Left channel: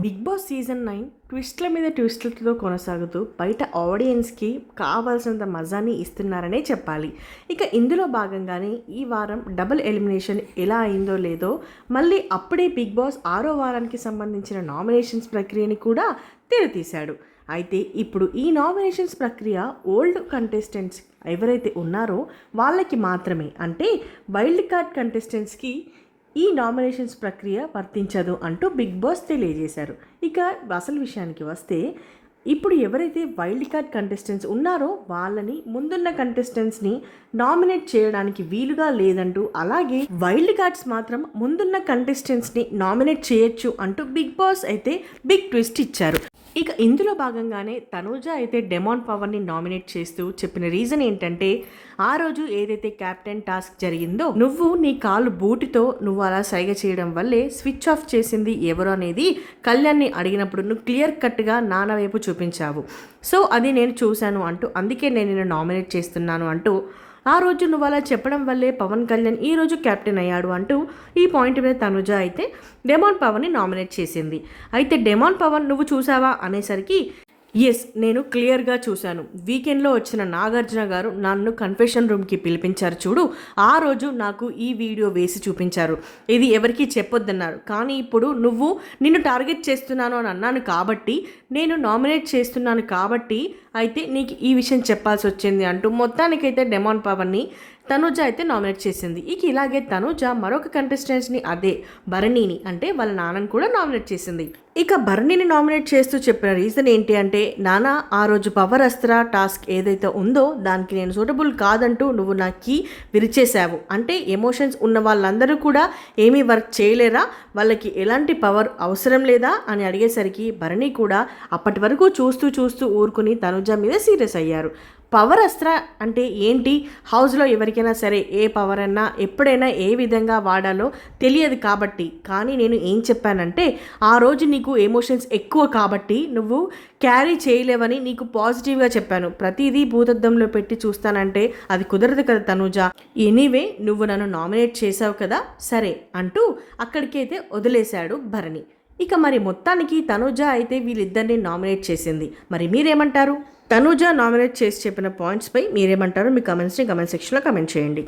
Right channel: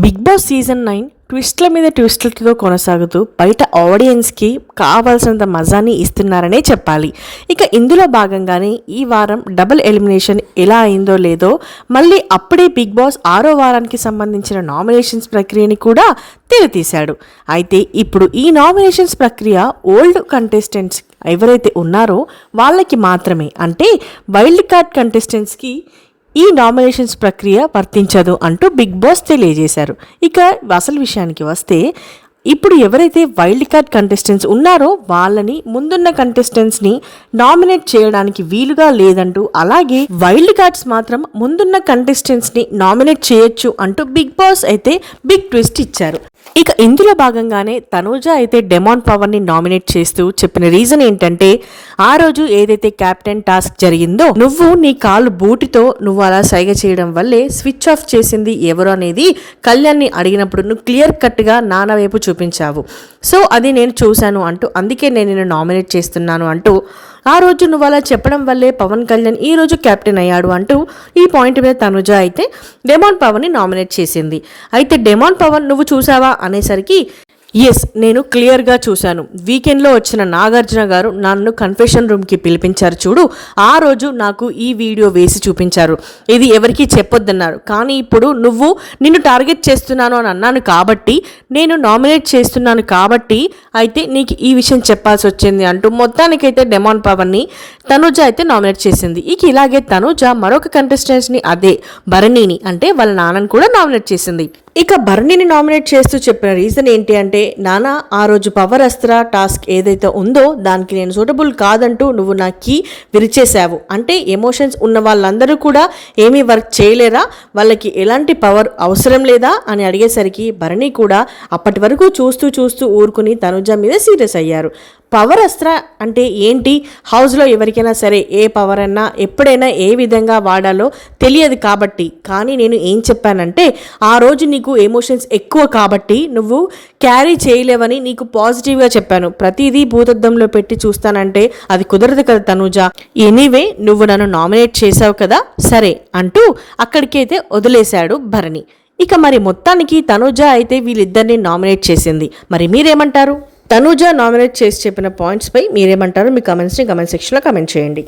Big boss season 9 ట్విస్ట్ల మీద ట్విస్ట్లతో కొనసాగుతూ బయట ఆడియన్స్కి కావాల్సినంత మజాని ఇస్తున్నారనే చెప్పాలి. ఇక ఇందులో భాగంగానే ఈ వారం డబుల్ ఎలిమినేషన్ ఎలా అయిందో లేదో మళ్ళీ అప్పుడే బిగ్ బాస్ 6వ వారానికి సంబంధించిన నామినేషన్స్ ప్రక్రియని కూడా తెరతీశాడు. అయితే ఇప్పుడు ఈ నామినేషన్స్ ప్రక్రియ ఓల్డ్ కంటెస్టెంట్స్ ఎవరైతే ఉన్నారో వాళ్ళకి మాత్రమే, అంటే వైల్డ్ కార్డ్ కంటెస్టెంట్స్కి ఈ నామినేషన్స్ ప్రక్రియ వర్తించదు అంటూ బిగ్ బాస్ తెలియజేశారు. ఇక అసలు విషయానికి వస్తే ఇప్పుడు ఎవరైతే వైల్డ్ కార్డ్ కంటెస్టెంట్స్ ఉన్నారో వాళ్ళని ముందున్న కంటెస్టెంట్స్ని నామినేట్ చేయడానికి వీలుగా లేదంటూ, అలాగే వైల్డ్ కార్డ్స్ మాత్రం ముందున్న కంటెస్టెంట్స్ని నామినేట్ చేయొచ్చు అంటూ బిగ్ బాస్ అయితే బిగ్ ట్విస్ట్ ఇచ్చారు. ఇక ఇందులో భాగంగానే తనూజ అయితే డెమాన్ పవర్ని నామినేట్ చేస్తూ చెప్పిన రీజన్ ఏంటంటే, ఆ రోజు ఏదైతే క్యాప్టెన్ టాస్క్ జరిగిందో నువ్వు నీ కాలు బూటితో నువ్వు అలా సైగ చేయడం వల్లే స్విచ్ ఆఫ్ చేసింది ఎవరు అనేది కళ్యాణ్ని అడిగినప్పుడు నువ్వు క్లియర్ కట్గా నాన్న వైపు చూపించావు. సో అది నేను చూశాను అంటూ, అందుకే నేను నిన్ను నామినేట్ చేస్తున్నాను అంటూ, ఆ రోజు నువ్వు అలా చెప్పడం వల్లే పవన్ కళ్యాణ్ ఈ రోజు కెప్టెన్ అయ్యాడు అంటూ ఈ పాయింట్ మీద తనుజ అయితే డెమాన్ పవన్ని నామినేట్ చేసింది. అయితే డెమాన్ పవన్ నువ్వు చూసావా అనేసరికి, ఎస్ నేను క్లియర్గా చూశాను. వీకెండ్లో వచ్చిన నాగార్జున గారు నన్ను కన్ఫెషన్ రూమ్కి పిలిపించారు చూడు, ఆ రోజు నాకు ఈ వీడియో వేసి చూపించారు. ఇది ఎవరికీ చెప్పొద్దన్నారు, కానీ ఇప్పుడు నువ్వు నిన్ను టార్గెట్ చేస్తున్నాను అని అన్నాను కాబట్టి, నేను నామినేట్ చేస్తున్నాను కాబట్టి అయితే నీకు ఈ విషయం చెప్పాల్సి వచ్చింది అంటూ మొత్తానికైతే డెమాన్ పవర్ని తనుజ అయితే నామినేట్ చేసింది. ఇక ఇలాగే తనుజ మరొక కంటెస్టెంట్స్ని, అదే భరణిని, అంటే వాళ్ళ నాన్నని కూడా నామినేట్ చేసింది. ఇక భరణిని నామినేట్ చేస్తూ చెప్పిన రీజన్ ఏంటి అంటే, నాన్న ఆ రోజు పవర్ అస్త్ర టాస్క్ ఏదైతే ఉందో దానికి నేను సూటబుల్ కాదంటూ నువ్వు నా కీ విరిచేశావు. అంటే ఎమోషన్స్ ఉన్న వాళ్ళందరూ కూడా ఏమీ వర్క్ చేయలేరా, వాళ్ళకి ఎలాంటి పవర్ అవసరం లేదా అని అడిగేసరికి భరణి కూడా అప్పటి వరకు చూస్తూ చూస్తూ ఊరుకుని తనుజ మీద సీరియస్ అయ్యారు. పవర్ అస్త్ర అంటే ఏంటి, హౌస్లో ఎవరికైనా సరే ఏ పవర్ అన్నా ఎప్పుడైనా ఏ విధంగా వాడాలో తెలియదు కాబట్టి, కానీ నేను ఏం చెప్పానంటే ఆ రోజు నీకు ఎమోషన్స్ ఎక్కువ కాబట్టి నువ్వు క్యారీ చేయలేవని నీకు పాజిటివ్గా చెప్పాను. ప్రతిదీ భూతద్దంలో పెట్టి చూస్తానంటే అది కుదరదు కదా తనుజ. ఎనీవే నువ్వు నన్ను నామినేట్ చేసావు కదా, సరే అంటూ అక్కడికైతే వదిలేశాడు భరణి. ఇక మరి మొత్తానికి తనుజ అయితే వీళ్ళిద్దరిని నామినేట్ చేసింది. మరి మీరేమంటారు? తనూజ నామినేట్ చేసి చెప్పిన పాయింట్స్పై మీరేమంటారో మీ కమెంట్స్ని కమెంట్ సెక్షన్లో కమెంట్ చేయండి.